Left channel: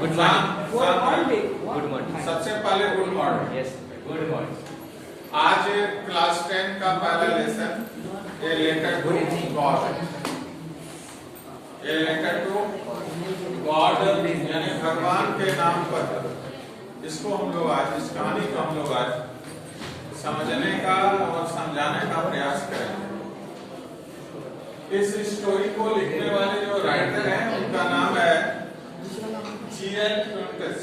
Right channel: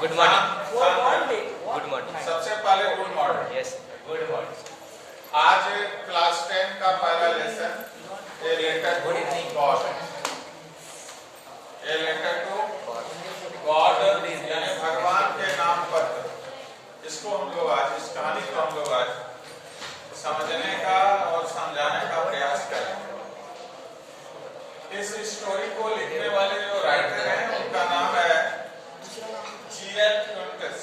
Good morning. Good morning. सबसे पहले good morning. Yes, good morning. आज क्लास 10 का पहला lesson a letter to God, a letter to God यानी भगवान के नाम पर। इसको हम लोग आज, इस कहानी को हम लोग आज समझने का और समझाने का प्रयास करेंगे। इस स्टोरी को लिखने वाले जो राइटर हैं उनका नाम है जी.एल. ट्वेंटिस।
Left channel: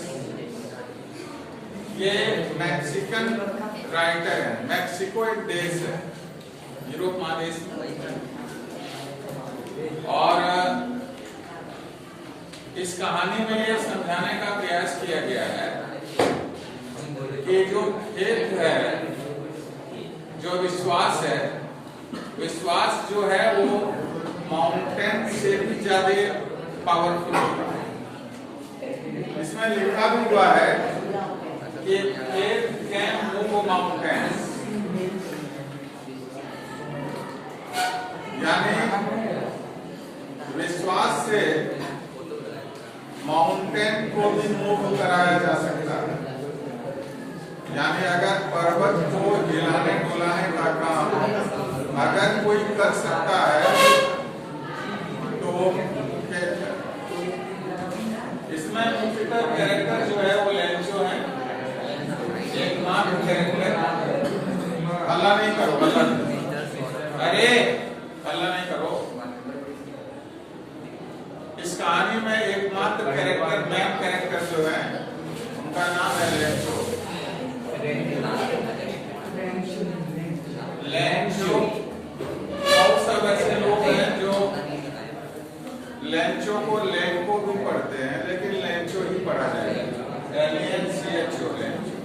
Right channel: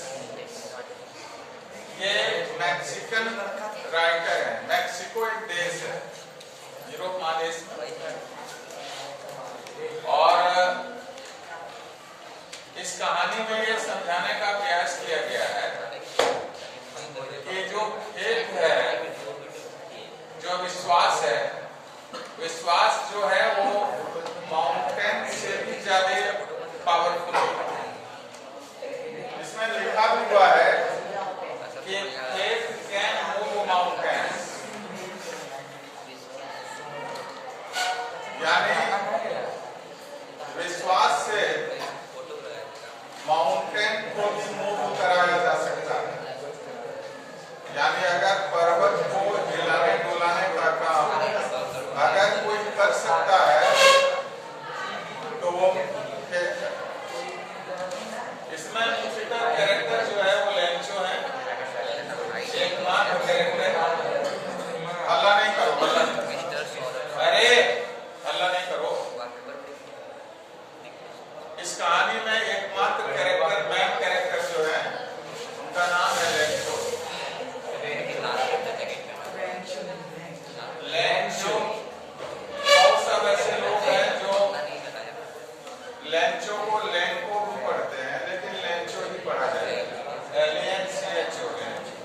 ये मैक्सिकन राइटर है। मैक्सिको एक देश है यूरोप महादेश में, और इस कहानी में ये समझाने का प्रयास किया गया है कि जो फेथ है, जो विश्वास है, विश्वास जो है वो माउंटेन से भी ज्यादा पावरफुल होता है। इसमें लिखा भी हुआ है कि फेथ कैन मूव माउंटेन्स, यानी विश्वास से माउंटेन को भी मूव कराया जा सकता है। यानी अगर पर्वत को हिलाने डुलाने का काम अगर कोई कर सकता है तो वो इसमें मुख्यतः कैरेक्टर जो है वो लेंचो है, एकमात्र कैरेक्टर। हल्ला नहीं करो, हल्ला नहीं, अरे हल्ला नहीं करो। इस कहानी में एकमात्र कैरेक्टर, मेन कैरेक्टर जो है उनका नाम है लेंचो। लेंचो बहुत सब ऐसे लोग हैं जो लेंचो को लेंको भी पढ़ते हैं, लेकिन लेंचो ही पढ़ा जाएगा, LENCHO लेंचो।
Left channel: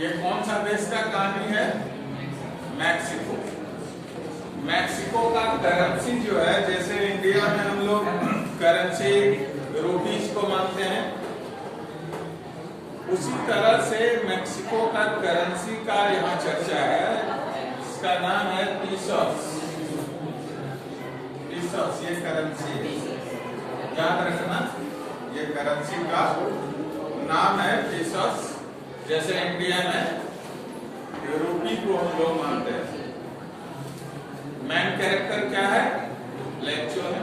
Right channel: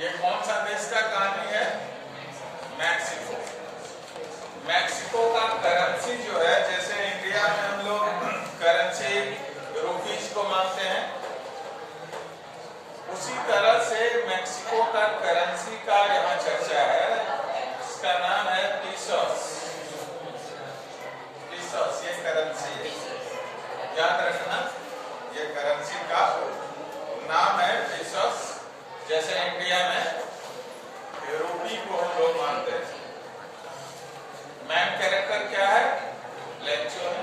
ये कौन सा देश का कहानी है? मैक्सिको। मैक्सिको का करेंसी जो है, जैसे इंडिया में हम लोग करेंसी रुपीज को मानते हैं, उसी तरह से मैक्सिको का करेंसी का यहाँ चर्चा है। इसका नाम है पीसोस। पीसोस ये करेंसी है, याद रखना, ये करेंसी का नाम है पीसोस। जैसे इंडिया में रूपी को हम लोग मानते हैं। मेन कैरेक्टर क्या है? लेंचो है।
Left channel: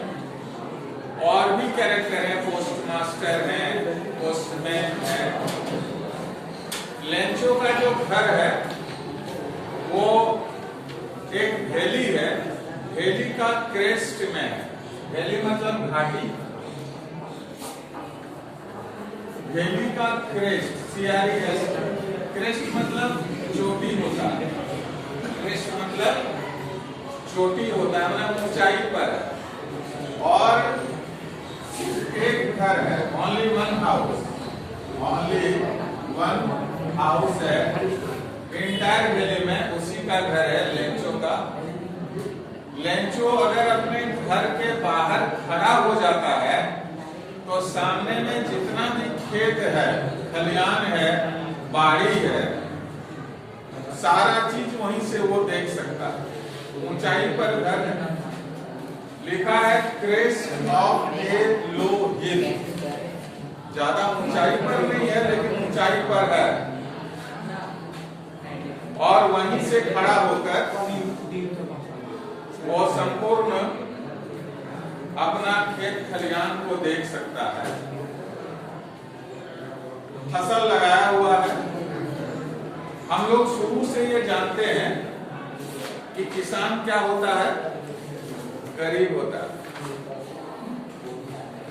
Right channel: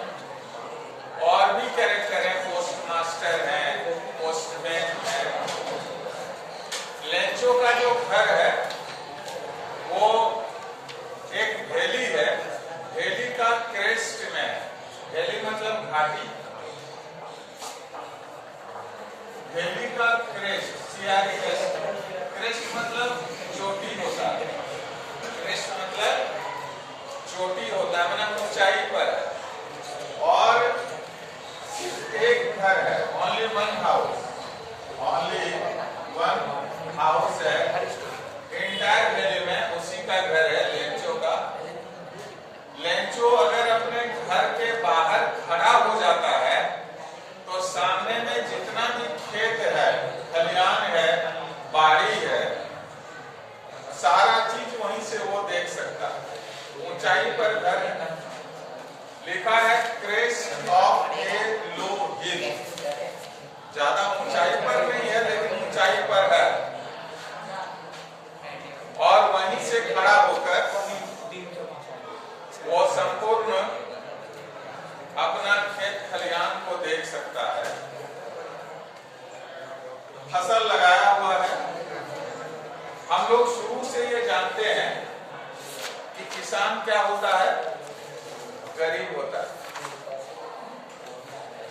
और भी कैरेक्टर है, पोस्ट मास्टर है, पोस्टमैन है। लेंचो का जो घर है वो एक वैली है, वैली का क्रेस्ट में है। वैली मतलब घाटी, वैली का क्रेस्ट, CREST, क्रेस्ट मतलब चोटी होता है, क्रेस्ट मतलब चोटी होता है, मतलब ऊंचाई पर है। और एक घर है, only one house, only one house है इंटायर वैली में, उसी का घर है लेंचो का। लेंचो अगर अपने घर के बाहर खड़ा हो जाता है तो सामने में जितना भी खेत है, खलियान है, बाड़ी है, सारा चीज वहीं से वो देख सकता है। ऊंचाई पर घर है, लिखा है क्रेस्ट ऑफ ए लो हिल, ज्यादा ऊंचाई पर नहीं है लेकिन ऊंचाई पर है। और वहीं से खड़ा होकर वो संपूर्ण अपना खेत खलियान को देख सकता है। फसल लगाया हुआ है। हम लोग शुरू से ये जानते हैं कि किसान क्या होता है? गरीब होता है।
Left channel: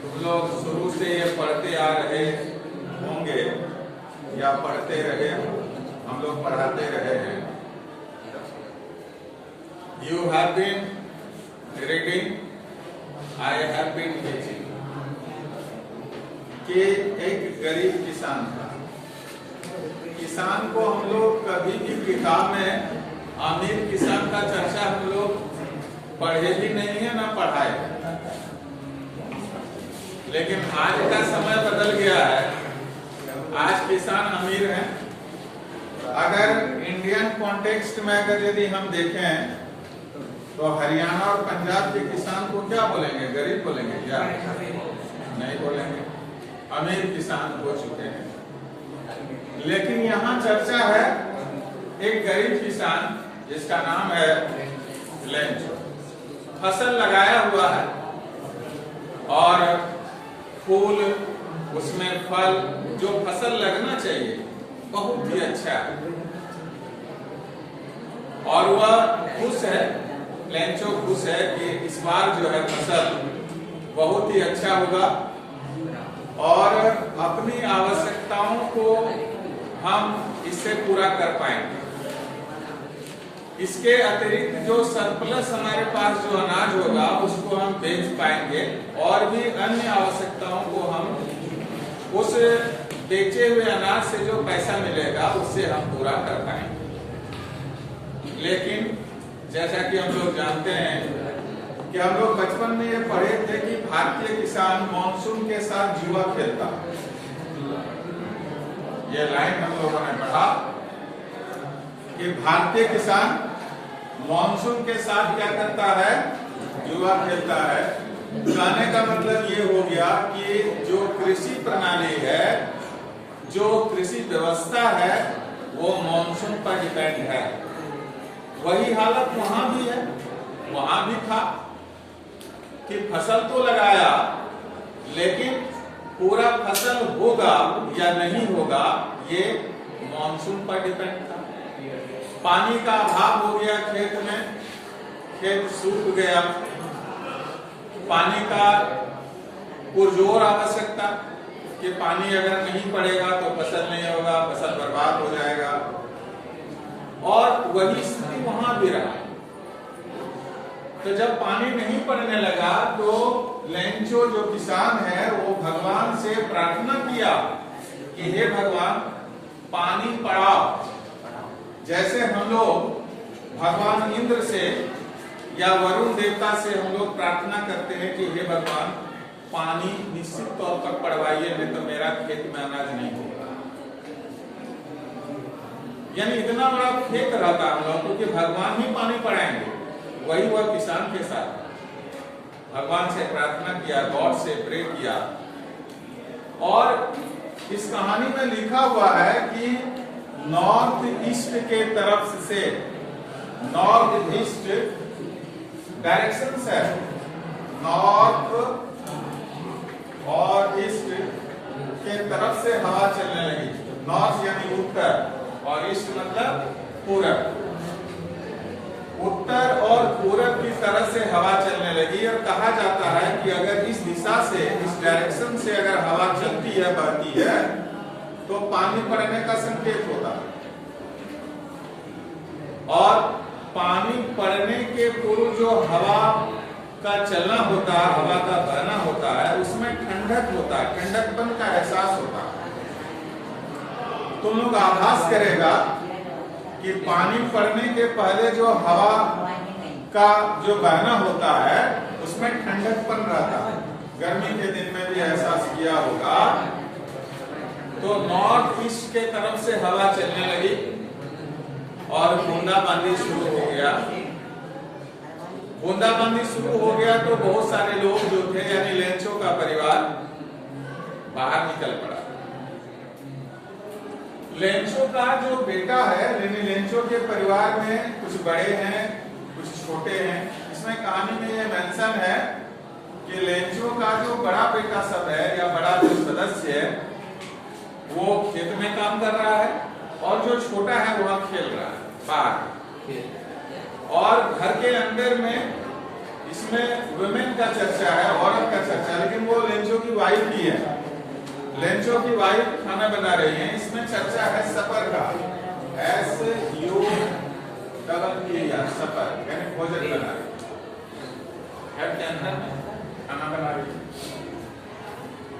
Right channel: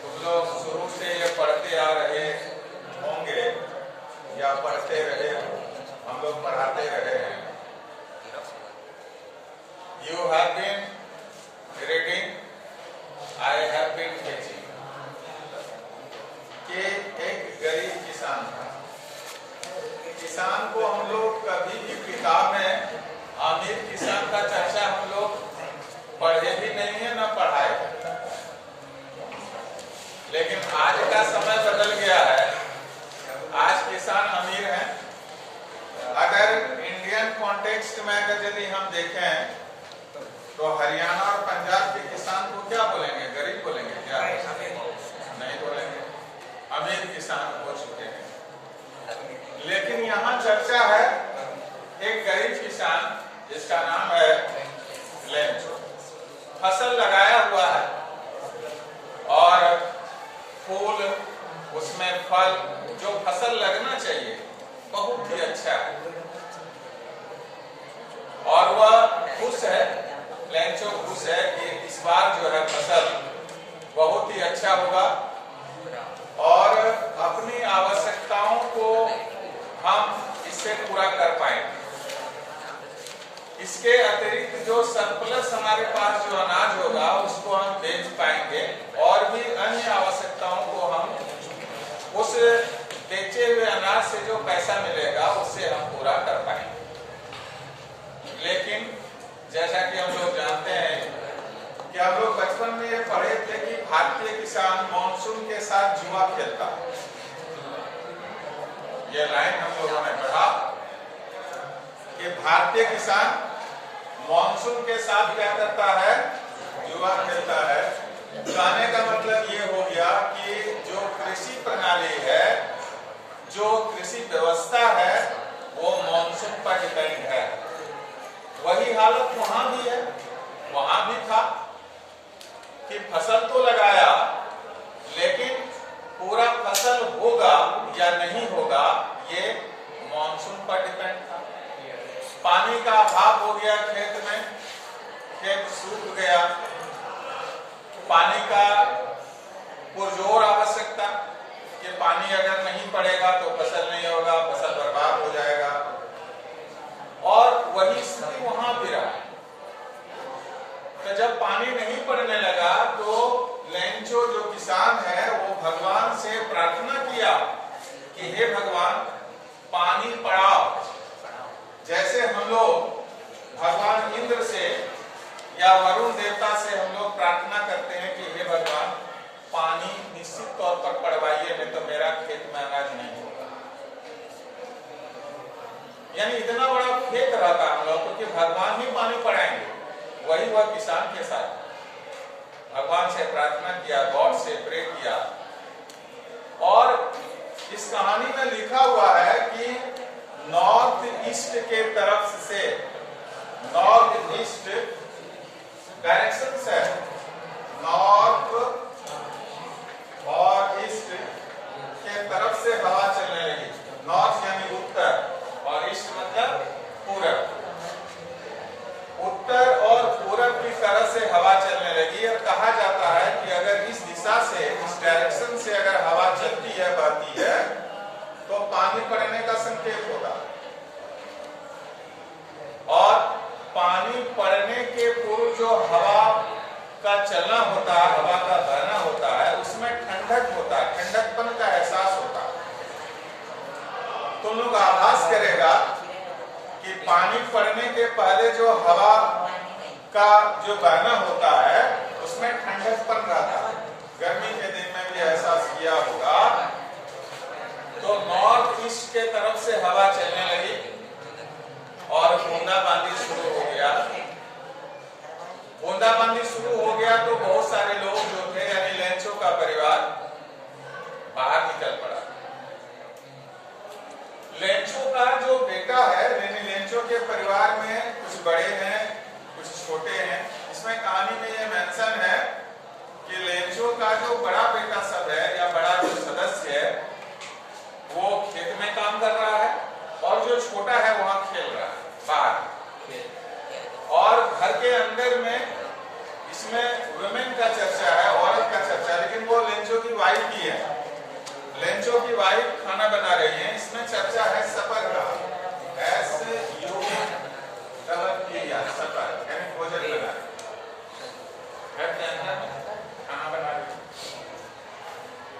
तुम लोग शुरू से ये पढ़ते आ रहे होंगे या पढ़ते रहे, हम लोग पढ़ाते रहे हैं। You have been reading, I have been teaching। कि एक गरीब किसान था। किसान को हम लोग कभी भी किताब में अमीर किसान का चर्चा हम लोग पढ़े भी नहीं है, ना पढ़ाए। लेकिन आज का समय बदल गया है, आज किसान अमीर हैं। अगर इंडियन कॉन्टेक्स्ट में अगर यदि हम देखें तो हरियाणा और पंजाब के किसान को क्या बोलेंगे? गरीब बोलेंगे क्या? नहीं बोलेंगे, अमीर किसान हो चुके हैं। लेकिन यहाँ चर्चा है एक गरीब किसान जिसका नाम है लेंचो। फसल लगाया हुआ है और फूल, उसमें फल, जो फसल लगना चाहिए बहुत ही अच्छा है और वह खुश है, लेंचो खुश है कि इस बार जो है फसल बहुत ही अच्छा होगा और अपनी आवश्यकताओं को हम इससे पूरा कर पाएंगे। इसके अतिरिक्त जो सरप्लस हमारे पास जो अनाज होगा उसको हम बेच पाएंगे और भी अन्य आवश्यकताओं को हम उस बेचे हुए अनाज से जो पैसा मिलेगा उससे हम पूरा कर पाएंगे। लेकिन जैसा कि हम लोग जानते हैं कि हम लोग बचपन में ये पढ़े थे कि भारतीय किसान मानसून के साथ जुआ खेलता है। ये लाइन हम लोगों ने पढ़ा कि भारतीय किसान मानसून के साथ क्या करता है? जुआ खेलता है। कहने का मतलब ये हो गया कि जो कृषि प्रणाली है, जो कृषि व्यवस्था है, वो मानसून पर डिपेंड है। वही हालत वहां भी है, वहां भी था कि फसल तो लगाया लेकिन पूरा फसल होगा या नहीं होगा ये मानसून पर डिपेंड था। पानी का अभाव हो गया खेत में, खेत सूख गया, पानी का पुरजोर आवश्यकता कि पानी अगर नहीं पड़ेगा तो फसल नहीं होगा, फसल बर्बाद हो जाएगा और वही स्थिति वहां भी रहा। तो जब पानी नहीं पड़ने लगा तो लेंचो जो किसान है वो भगवान से प्रार्थना किया कि हे भगवान पानी पड़ाओ। जैसे हम लोग भगवान इंद्र से या वरुण देवता से हम लोग प्रार्थना करते हैं कि हे भगवान पानी निश्चित तौर पर पड़वाइए, नहीं तो मेरा खेत में अनाज नहीं होगा। यानी इतना बड़ा फेक रहता हम लोग क्योंकि भगवान ही पानी पड़ाएंगे। वही वह किसान के साथ भगवान से प्रार्थना किया, गॉड से प्रे किया और इस कहानी में लिखा हुआ है कि नॉर्थ ईस्ट के तरफ से, नॉर्थ ईस्ट डायरेक्शन है, नॉर्थ और ईस्ट के तरफ से हवा चलने लगी। नॉर्थ यानी उत्तर और ईस्ट मतलब पूरब। उत्तर और पूरब की तरफ से हवा चलने लगी और कहा जाता है कि अगर इस दिशा से, इस डायरेक्शन से अगर हवा चलती है, बहती है तो पानी पड़ने का संकेत होता है और पानी पड़ने के पूर्व जो हवा का चलना होता है, हवा का बहना होता है, उसमें ठंडक होता है, ठंडकपन का एहसास होता है। तो लोग आभास करेगा कि पानी पड़ने के पहले जो हवा का जो बहना होता है उसमें ठंडकपन रहता है। गर्मी के दिन में भी एहसास किया होगा। तो नॉर्थ ईस्ट के तरफ से हवा चलने लगी और बूंदाबांदी शुरू हो गया। बूंदाबांदी शुरू हो गया तो बहुत सारे लोग जो थे यानी लेंचो का परिवार बाहर निकल पड़ा। लेंचो का जो बेटा है, यानी लेंचो के परिवार में कुछ बड़े हैं, कुछ छोटे हैं। इसमें कहानी में यह मेंशन है कि लेंचो का जो बड़ा बेटा सब है या बड़ा जो सदस्य है वो खेत में काम कर रहा है और जो छोटा है वहां खेल रहा है बाहर। और घर के अंदर में इसमें वुमेन का चर्चा है, औरत का चर्चा, लेकिन वो लेंचो की वाइफ ही है। लेंचो की वाइफ खाना बना रही है। इसमें चर्चा है सफर का, सफर यानी भोजन बना रही है, खाना बना रही है।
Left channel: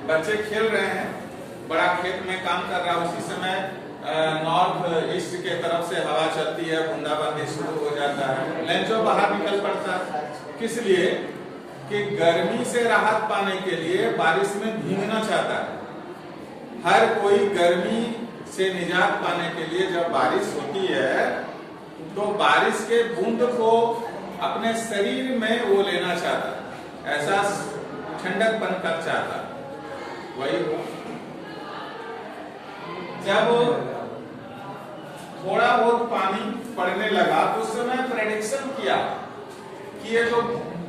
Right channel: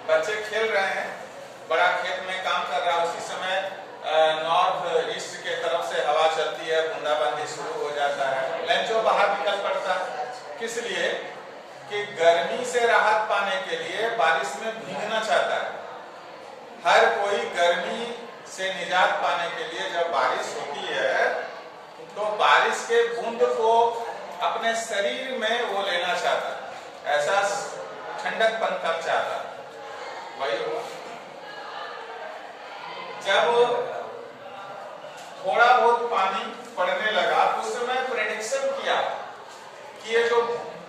बच्चे खेल रहे हैं, बड़ा खेत में काम कर रहा है। उसी समय नॉर्थ ईस्ट के तरफ से हवा चलती है, बूंदाबांदी शुरू हो जाता है। लेंचो बाहर निकल पड़ता है। किस लिए? कि गर्मी से राहत पाने के लिए बारिश में भीगना चाहता है। हर कोई गर्मी से निजात पाने के लिए जब बारिश होती है तो बारिश के बूंद को अपने शरीर में वो लेना चाहता, ऐसा ठंडकपन कब चाहता, वही हुआ। जब थोड़ा बहुत पानी पड़ने लगा तो उस समय प्रेडिक्शन किया कि ये जो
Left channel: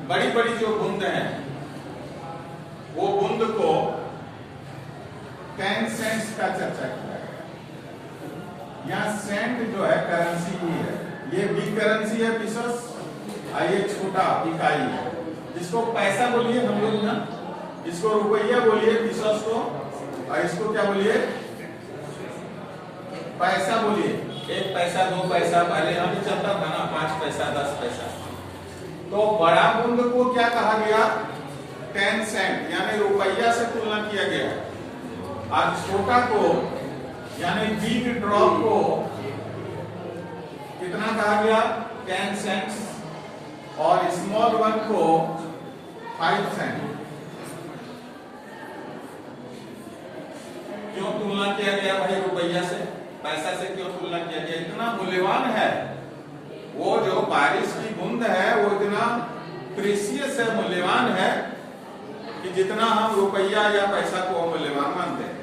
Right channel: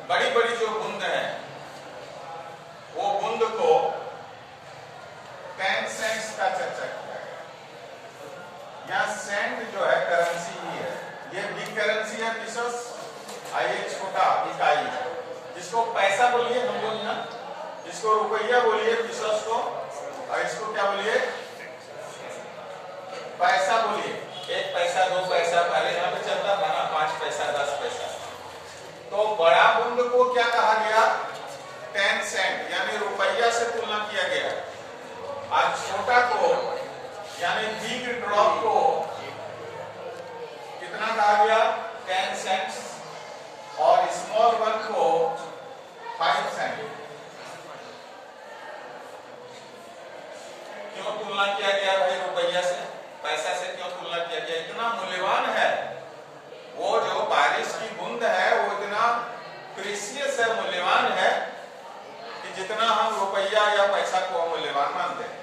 बड़ी बड़ी जो बूंद हैं, वो बूंद को 10 सेंट्स का चर्चा किया गया। यहाँ सेंट जो है करेंसी ही है, ये बिग करेंसी है पीसस, ये छोटा इकाई है, जिसको पैसा बोलिए हम लोग यहाँ, इसको रुपया बोलिए पीसस को, और इसको क्या बोलिए, पैसा बोलिए। 1 पैसा 2 पैसा पहले यहाँ पे चलता था ना, 5 पैसा 10 पैसा। तो बड़ा बूंद को क्या कहा गया, 10 सेंट यानी रुपया से तुलना किया गया। आज छोटा को यानी बिग ड्रॉप को कितना कहा गया, 10 सेंट्स, और स्मॉल वन को 5 सेंट। क्यों तुलना किया गया भाई रुपया से, पैसा से क्यों तुलना किया गया? इतना मूल्यवान है वो जो बारिश की बूंद है, वो इतना प्रीशियस है, मूल्यवान है कि जितना हम रुपया या पैसा को मूल्यवान मानते हैं,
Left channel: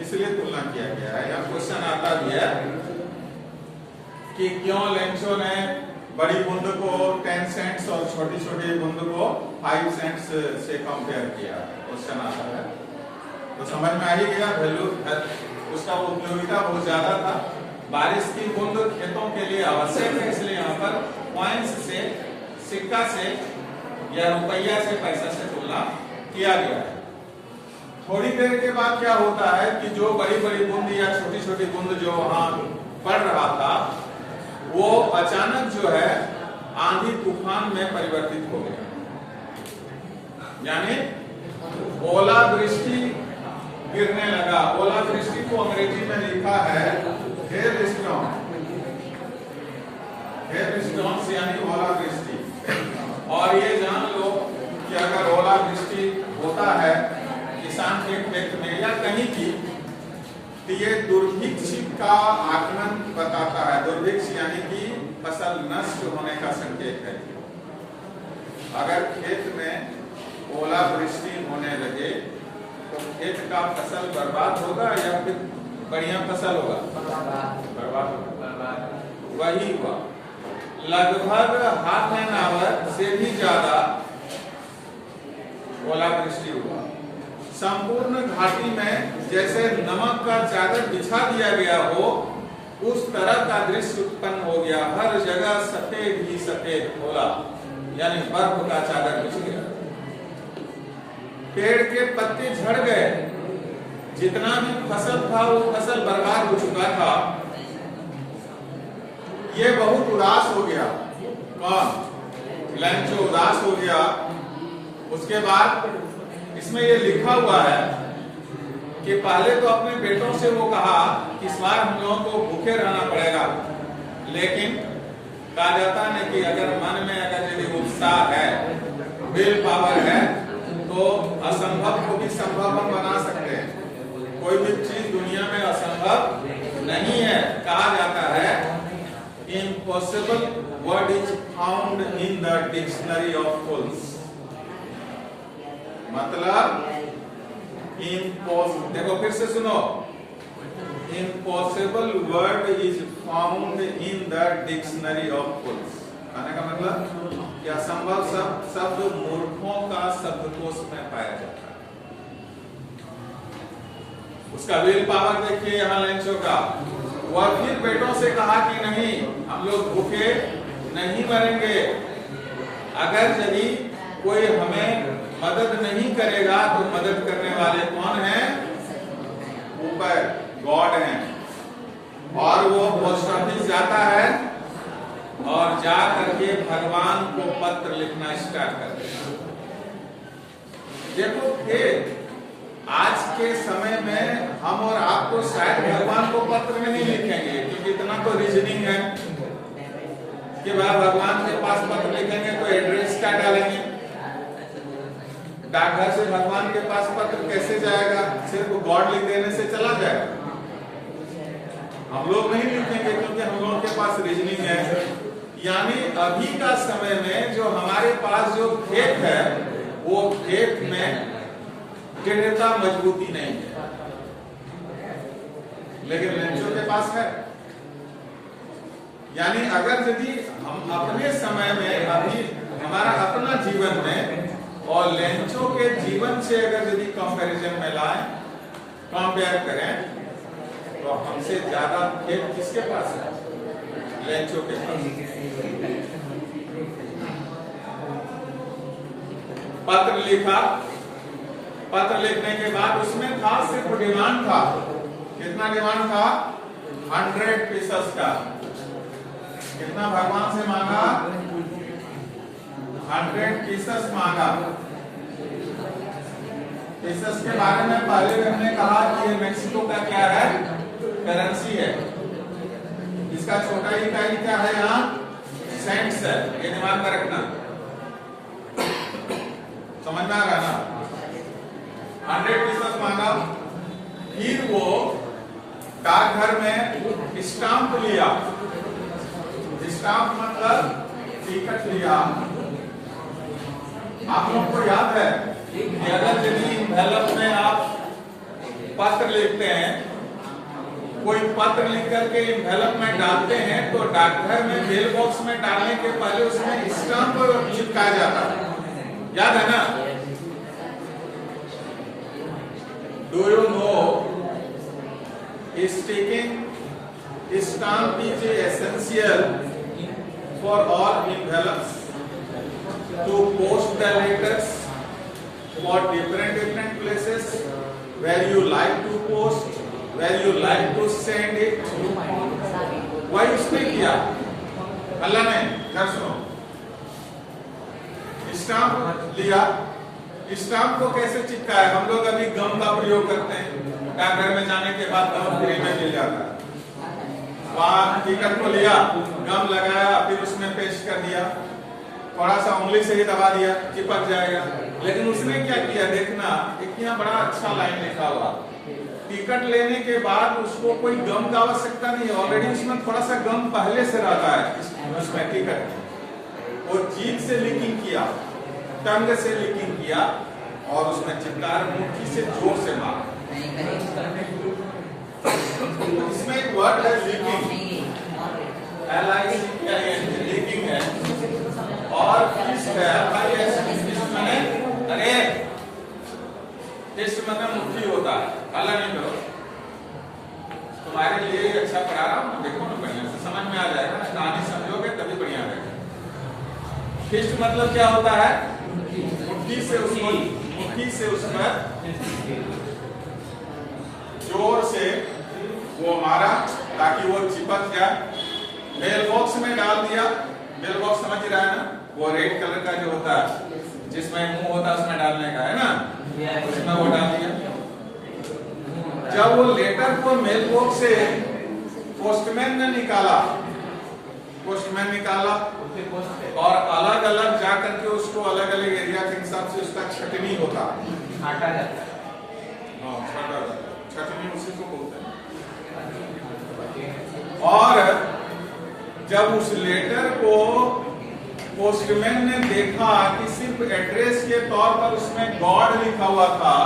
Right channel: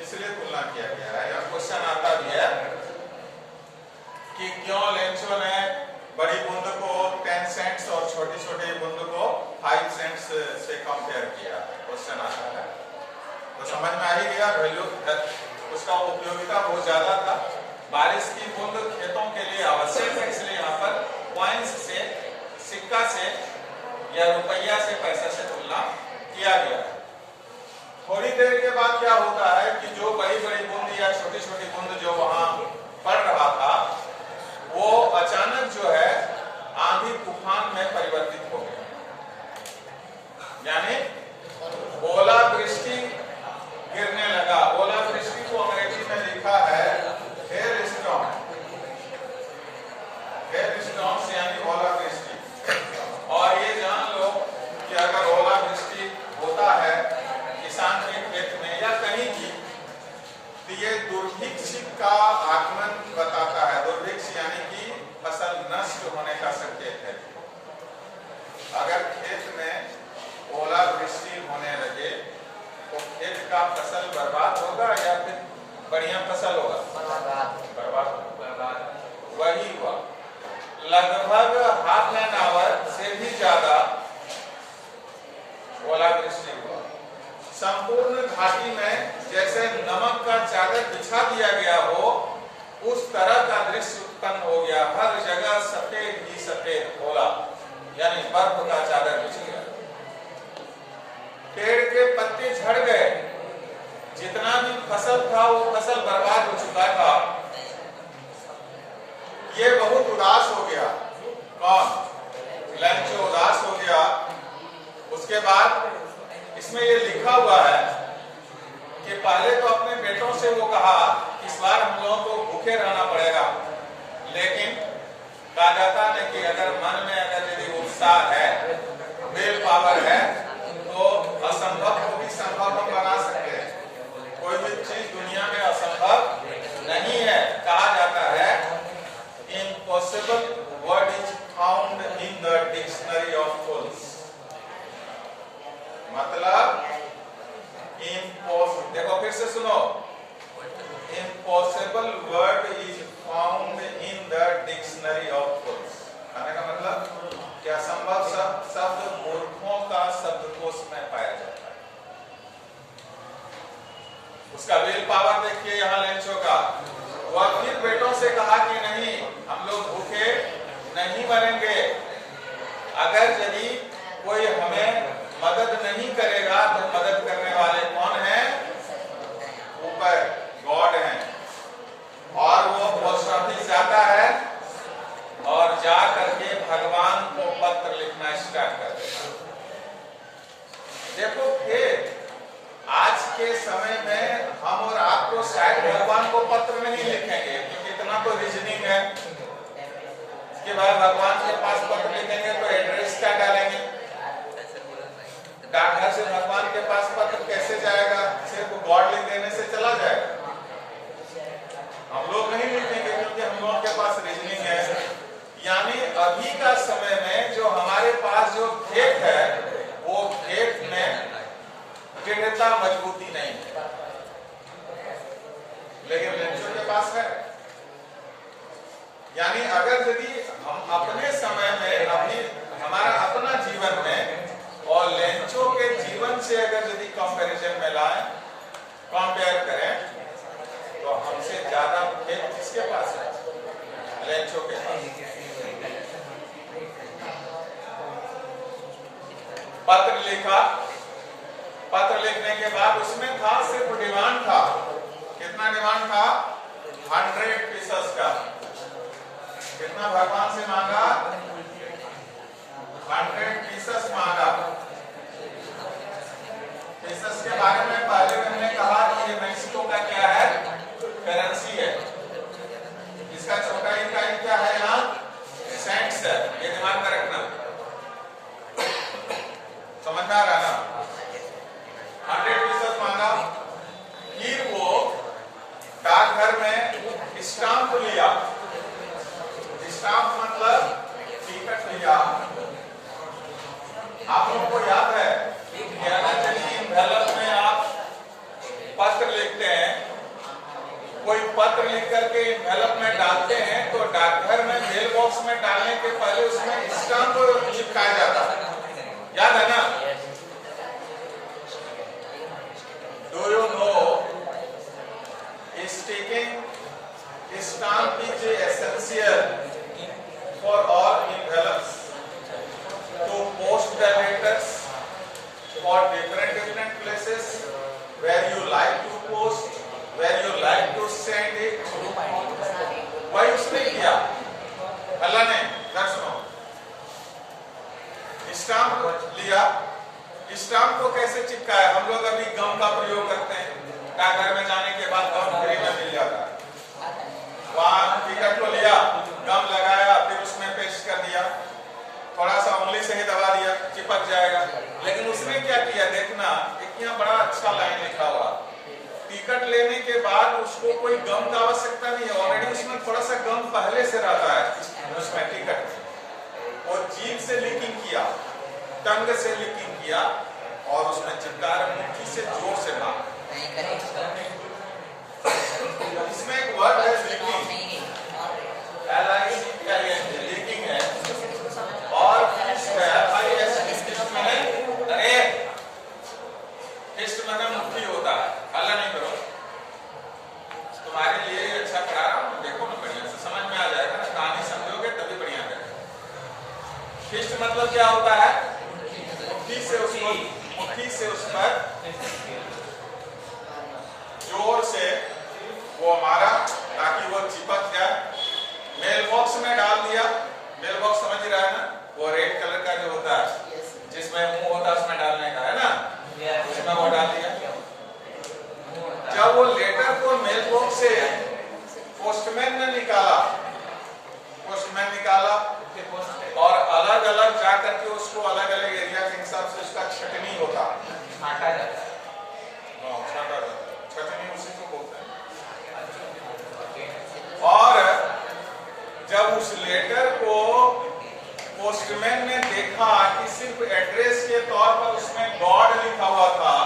इसलिए तुलना किया गया है। यहाँ क्वेश्चन आता भी है कि क्यों लेंचो ने बड़ी बूंद को 10 सेंट्स और छोटी छोटी बूंद को 5 सेंट्स से कंपेयर किया, क्वेश्चन आता है। तो समझ में आ ही गया, वैल्यू उसका उपयोगिता बहुत ज्यादा था। बारिश की बूंद खेतों के लिए आवश्यक है, इसलिए यहाँ पर कॉइन्स से, सिक्का से या रुपया से, पैसा से तुलना किया गया। थोड़ी देर के बाद क्या होता है कि जो बड़ी बड़ी बूंद या छोटी छोटी बूंद जो वहां पड़ रहा था, वो अचानक जो है आंधी तूफान में परिवर्तित हो गया, यानी ओलावृष्टि गिरने लगा। ओलावृष्टि को अंग्रेजी में लिखा है हेल स्टॉर्म, हेल स्टॉर्म्स यानी ओलावृष्टि। और ये जान लो कि अगर ओलावृष्टि होता है किसान के खेत में या कहीं भी, तो ये दुर्भिक्ष का आगमन बताता है। दुर्भिक्ष यानी कि फसल नष्ट होने का संकेत है। अगर खेत में ओलावृष्टि होने लगे तो खेत का फसल बर्बाद होगा या फिर बढ़िया फसल होगा? बर्बाद होगा। वही हुआ, लगभग हाफ एन आवर से भी ज्यादा ओलावृष्टि हुआ। संपूर्ण घाटी में जैसे नमक का चादर बिछा दिया गया हो, उस तरह का दृश्य उत्पन्न हो गया। हर जगह सफेद ही सफेद ओला यानी बर्फ का चादर बिछ गया। पेड़ के पत्ते झड़ गए, जितना भी फसल था वो फसल बर्बाद हो चुका था। ये बहुत उदास हो गया, कौन? लेंचो उदास हो गया। उसके बाद इसमें ये लिखा हुआ है कि पहले तो अपने बेटों से वो कहा कि इस बार हम लोगों को भूखे रहना पड़ेगा, लेकिन कहा जाता है कि अगर मन में अगर यदि उत्साह है, विल पावर है, तो असंभव को भी संभव हम बना सकते हैं। कोई भी चीज दुनिया में असंभव नहीं है। कहा जाता है impossible word is found in the dictionary of fools. मतलब देखो फिर से सुनो, impossible word is found in the dictionary of fools. कहने का मतलब क्या असंभव शब्द मूर्खों का शब्दकोश में पाया जाता है। उसका विल पावर देखिए यहाँ लेंचो का। वह फिर बेटों से कहा कि नहीं, हम लोग भूखे नहीं मरेंगे। अगर यदि कोई हमें मदद नहीं करेगा तो मदद करने वाले कौन हैं? ऊपर गॉड हैं। और वो पोस्ट ऑफिस जाता है और जा करके भगवान को पत्र लिखना स्टार्ट कर देगा। देखो फिर आज के समय में हम और आप तो शायद भगवान को पत्र नहीं लिखेंगे, क्योंकि इतना तो रीजनिंग है कि भाई भगवान के पास पत्र लिखेंगे तो एड्रेस क्या डालेंगे? डाकघर से भगवान के पास पत्र कैसे जाएगा? सिर्फ गॉड लिख देने से चला जाएगा? हम लोग नहीं लिखेंगे, क्योंकि हम लोगों के पास रीजनिंग है। यानी अभी का समय में जो हमारे पास जो खेत है वो खेत में दृढ़ता मजबूती नहीं है, लेकिन लेंचो के पास है। यानी अगर यदि हम अपने समय में अभी हमारा अपना जीवन में और लेंचो के जीवन से अगर यदि कंपैरिजन में लाएं, कंपेयर करें, तो हमसे ज्यादा खेत किसके पास है? लेंचो के पास। पत्र लिखा, पत्र लिखने के बाद उसमें था सिर्फ डिमांड था। कितना डिमांड था? 100 पीसेस का। कितना भगवान से मांगा? 100 पीसेस मांगा। पीसेस के बारे में पहले हमने कहा कि ये मेक्सिको का क्या है? करेंसी है। इसका छोटा इकाई क्या है? यहाँ सेंट्स है। ये दिमाग में रखना, समझ में आ रहा है ना? 100 पीसेस मांगा। फिर वो डाकघर में स्टाम्प लिया। स्टाम्प मतलब टिकट लिया। आप लोगों को याद है कि अगर यदि एनवेलप में आप पत्र लिखते हैं, कोई पत्र लिख करके एनवेलप में डालते हैं, तो डाकघर में मेल बॉक्स में डालने के पहले उसमें स्टाम्प चिपकाया जाता है। याद है ना? Do you know sticking stamp is essential for all envelopes to post the letters for different places where you like to post, where you like to send it. वही उसने किया अल्लाह ने। दर्शनों, स्टाम्प लिया। स्टाम्प को कैसे चिपकाया? हम लोग अभी गम का प्रयोग करते हैं। डाकघर में जाने के बाद गम फ्री में मिल जाता है। वहां टिकट को लिया, गम लगाया, फिर उसमें पेस्ट कर दिया, थोड़ा सा उंगली से ही दबा दिया, चिपक जाएगा। लेकिन उसने क्या किया? देखना, एक यहाँ बड़ा अच्छा लाइन लिखा हुआ, टिकट लेने के बाद उसको कोई गम का आवश्यकता नहीं है, ऑलरेडी उसमें थोड़ा सा गम पहले से रहता है उसमें टिकट। और जीभ से लीकिंग किया, टंग से लीकिंग किया और उसमें चिपका मुट्ठी से जोर से मारा। इसमें एक वर्ड है लीकिंग, लीकिंग है। और फिस्ट है भाई, ऐसे फिस्ट में, अरे फिस्ट मतलब मुट्ठी होता है। हल्ला नहीं करो, तुम्हारे लिए अच्छा पढ़ा रहा हूँ, देखो ना बढ़िया से समझ में आ जाएगा ना। कहानी समझोगे तभी बढ़िया रहेगा। फिस्ट मतलब क्या होता है? मुट्ठी से उस पर जोर से वो मारा ताकि वो चिपक जाए। मेल बॉक्स में डाल दिया। मेल बॉक्स समझ रहा है ना? वो रेड कलर का जो होता है, जिसमें मुंह होता है, उसमें डालने का है ना, उसमें वो डाल दिया। जब वो लेटर को मेल बॉक्स से पोस्टमैन ने निकाला, पोस्टमैन निकाला और अलग अलग जाकर के उसको अलग अलग एरिया के हिसाब से उसका छटनी होता है, छाटा जाता है। छटनी उसी को बोलते हैं। और जब उस लेटर को पोस्टमैन ने देखा कि सिर्फ एड्रेस के तौर पर उसमें गॉड लिखा हुआ था,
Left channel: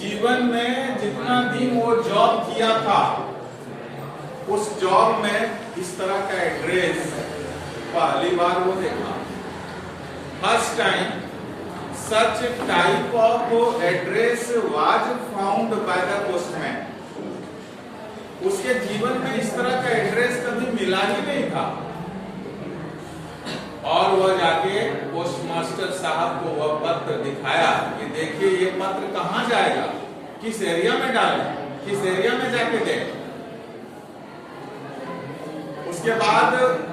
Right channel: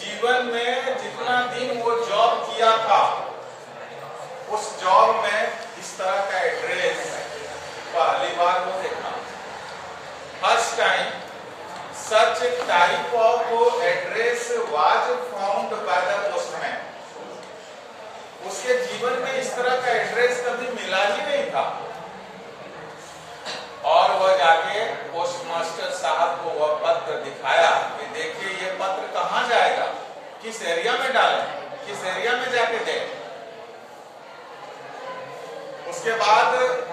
जीवन में जितना दिन वो जॉब किया था उस जॉब में इस तरह का एड्रेस पहली बार वो देखा। First time such type of address was found by the postman. उसके जीवन में इस तरह का एड्रेस कभी मिला ही नहीं था। और वह जाके पोस्टमास्टर साहब को वह पत्र दिखाया कि देखिए ये पत्र कहाँ जाएगा, किस एरिया में डालें, किस एरिया में जाके दें। उसके बाद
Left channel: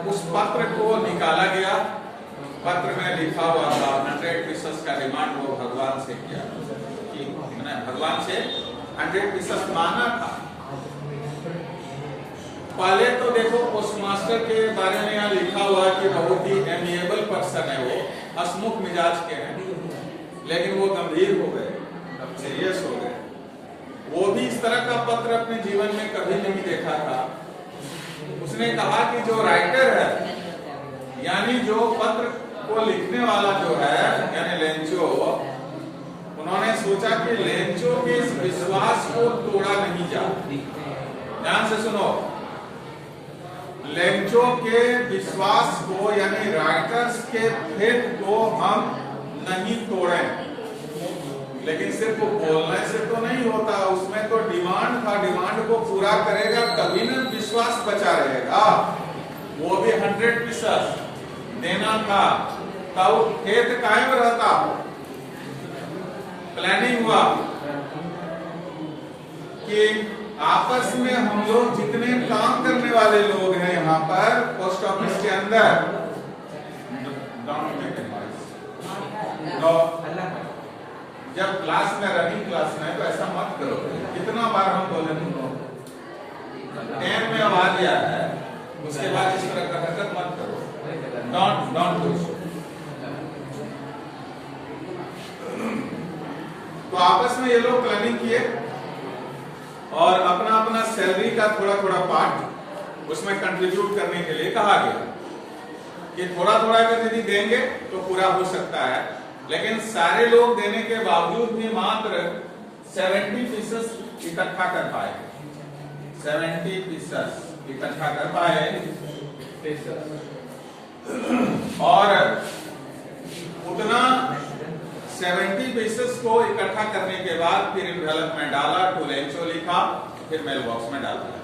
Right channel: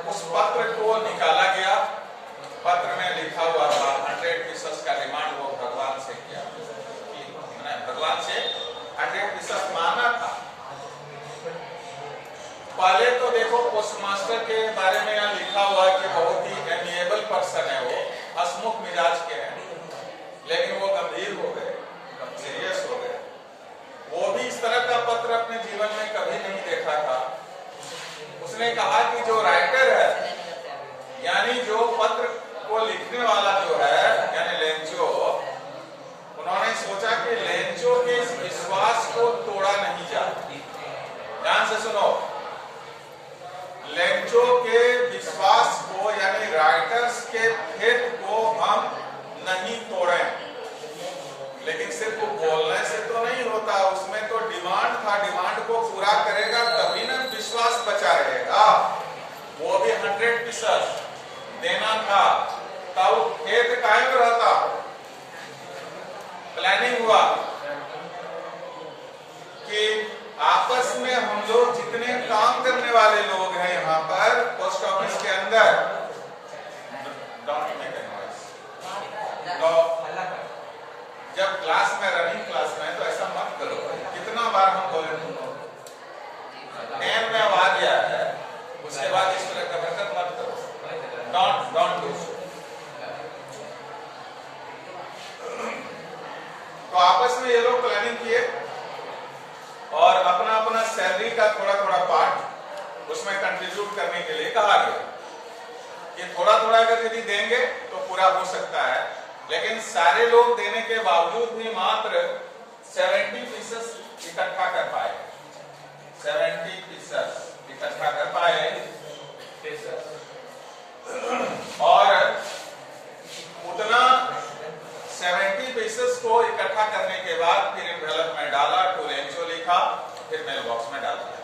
उस पत्र को निकाला गया। पत्र में लिखा हुआ था 100 पीसेस का डिमांड वो भगवान से किया, कि मैंने भगवान से 100 पीसेस मांगा था। पहले तो देखो पोस्टमास्टर के बारे में यहाँ लिखा हुआ कि बहुत ही एमिएबल पर्सन है, वो हंसमुख मिजाज के हैं, लेकिन वो गंभीर हो गए, सीरियस हो गए। वो भी इस तरह का पत्र अपने जीवन में कभी नहीं देखा था। उसने कहा कि जो राइटर है यानी जो पत्र को लिखने वाला जो है यानी लेंचो, उन्होंने सोचा कि लेंचो के इस विश्वास को तोड़ा नहीं जा। ध्यान से सुनो, लेंचो के विश्वास को यानी राइटर्स के फेथ को हम नहीं तोड़े। लेकिन सिर्फ बोलने से तो नहीं होता, उसमें तो डिमांड था, डिमांड को पूरा करेगा तभी ना विश्वास बचा रहेगा। वो भी 100% देना था, तब खेत कायम रहता। प्लानिंग हुआ कि आपस में हम लोग जितने काम करने वाले लोग हैं यहाँ पर पोस्ट ऑफिस के अंदर, जब क्लास में रनिंग क्लास में तो ऐसा मत करो। कितना बार हम बोले तुमको 10 में आ गया है, उसके बाद इस तरह का हरकत मत करो। Don't do so. तो आपस में ये लोग प्लानिंग किए और अपना अपना सैलरी का थोड़ा थोड़ा पार्ट उसमें कंट्रीब्यूट करने के लिए कहा गया कि थोड़ा थोड़ा अगर यदि देंगे तो पूरा हो सकता है। लेकिन सारे लोग देने के बावजूद भी मात्र 70% इकट्ठा कर पाए। 70% इकट्ठा कर पाए और उतना 70% को इकट्ठा करने के बाद फिर एनवेलप में डाला, टू लेंचो लिखा, फिर मेल बॉक्स में डाल दिया।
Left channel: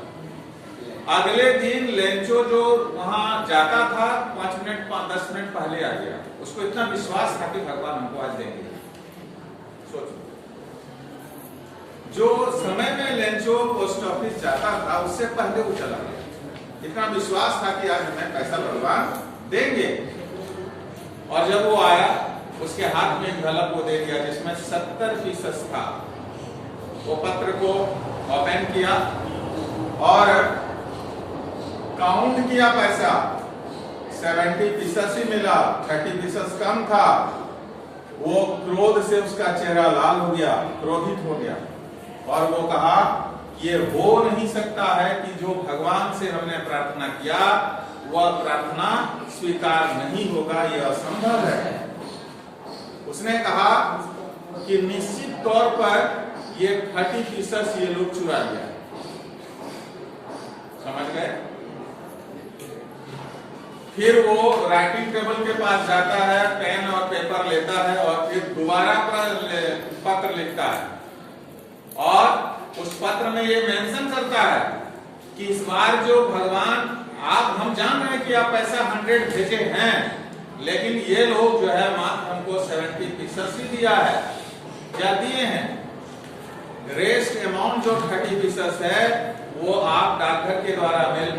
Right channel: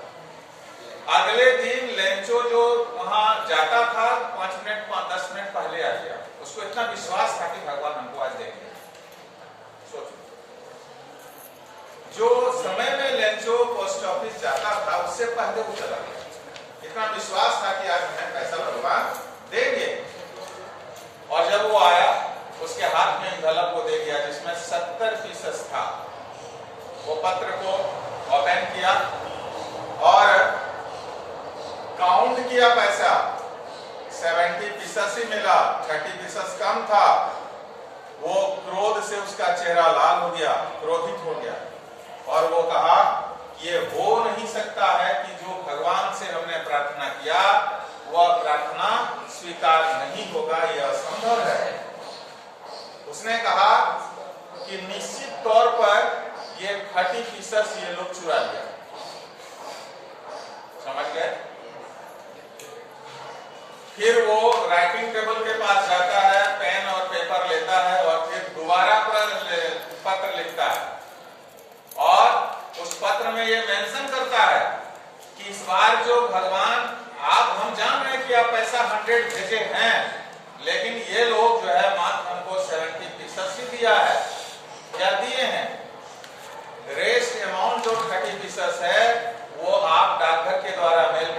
अगले दिन लेंचो जो वहां जाता था 5 मिनट 10 मिनट पहले आ गया। उसको इतना विश्वास था कि भगवान हमको आज देंगे। सोचो, जो समय में लेंचो पोस्ट ऑफिस जाता था उससे पहले वो चला गया। इतना विश्वास था कि आज हमें पैसा भगवान देंगे। और जब वो आया उसके हाथ में एनवेलप को दे दिया जिसमें 70% था। वो पत्र को ओपन किया और काउंट किया पैसा, 70% ही मिला, 30% कम था। वो क्रोध से उसका चेहरा लाल हो गया, क्रोधित हो गया और वो कहा ये हो नहीं सकता है कि जो भगवान से हमने प्रार्थना किया वह प्रार्थना स्वीकार नहीं होगा, यह असंभव है। उसने कहा कि निश्चित तौर पर ये 30% ये लोग चुरा लिया। समझ गए? फिर वो राइटिंग टेबल के पास जाता है, पेन और पेपर लेता है और फिर दोबारा पत्र लिखता है और उस पत्र में ये मेंशन करता है कि इस बार जो भगवान हम जान रहे हैं कि आप पैसा 100 भेजे हैं, लेकिन ये लोग जो है मात्र हमको 70% ही दिया है। क्या दिए हैं? रेस्ट अमाउंट जो 30% है वो आप डाकघर के द्वारा